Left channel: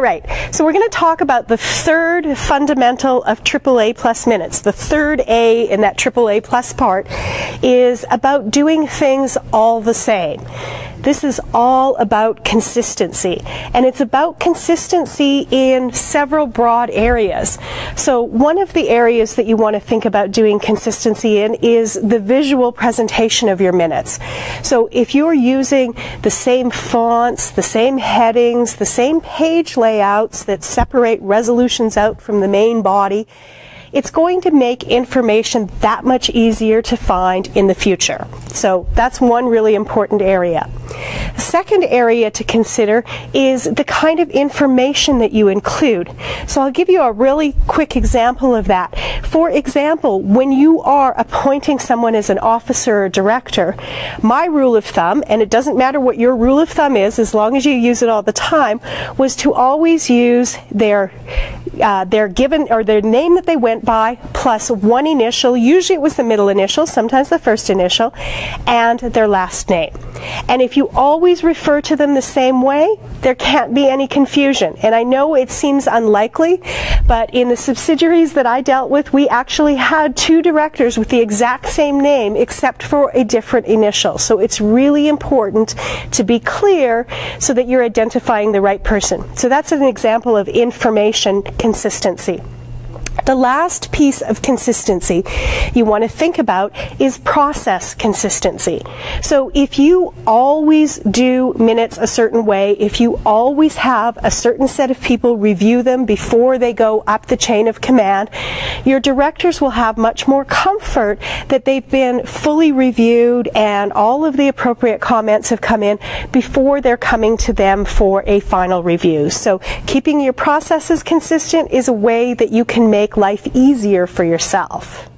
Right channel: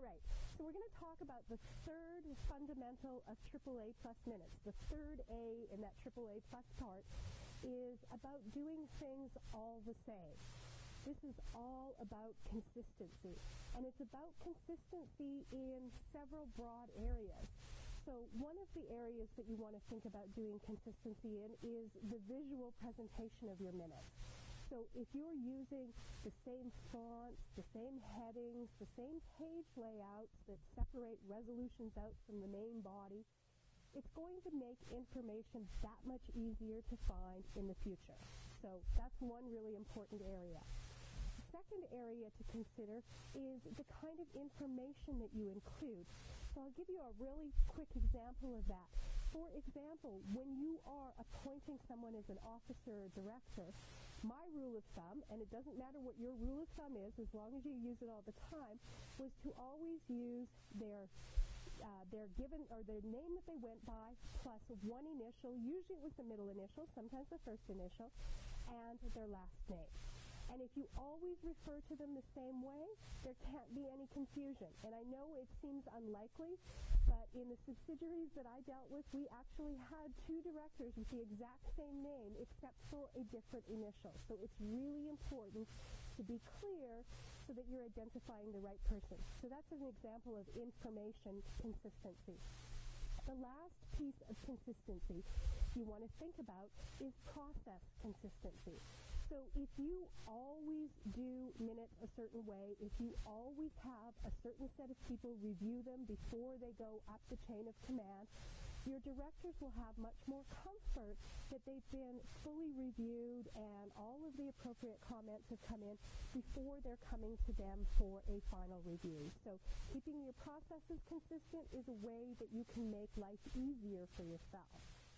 All right, so we're going to talk about the third fundamental of AAA plus minutes. The third A in that AAA plus part is about doing things all the same. This is all about consistency, and it's about consistency in several broad areas. So one of the areas that you want to think about doing consistency in is the visual presentation of your minutes. So if you're using the same fonts, the same headings, the same page layouts that separate resolutions out from the main body, it's going to make information that much easier to find in the future. So that's one really important area. The second area to consider is the kind of information that you include. So I'll give you a really quick example of that. For example, when you are appointing someone as an officer or director, my rule of thumb, and it doesn't matter what your rule of thumb is as long as you use it all the time, was to always use their given or their name that they went by plus one initial. Usually it was the middle initial, sometimes the first initial, and their last name. And if you always refer to them the same way, there can't be any confusion. And I know it seems unlikely, but in the subsidiaries that I dealt with, we actually had two directors with the exact same name except for a different initial. So it's really important to be clear so that you're identifying the right person. So that's an example of information consistency. The last piece of consistency you want to think about is process consistency. So if you always do minutes a certain way, if you always have a certain set of people review them before they go up the chain of command, your directors will have much more comfort that they've been fully reviewed and all of the appropriate comments have come in before they're coming to them for a final review. So keeping your processes consistent is a way that you can make life easier for yourself.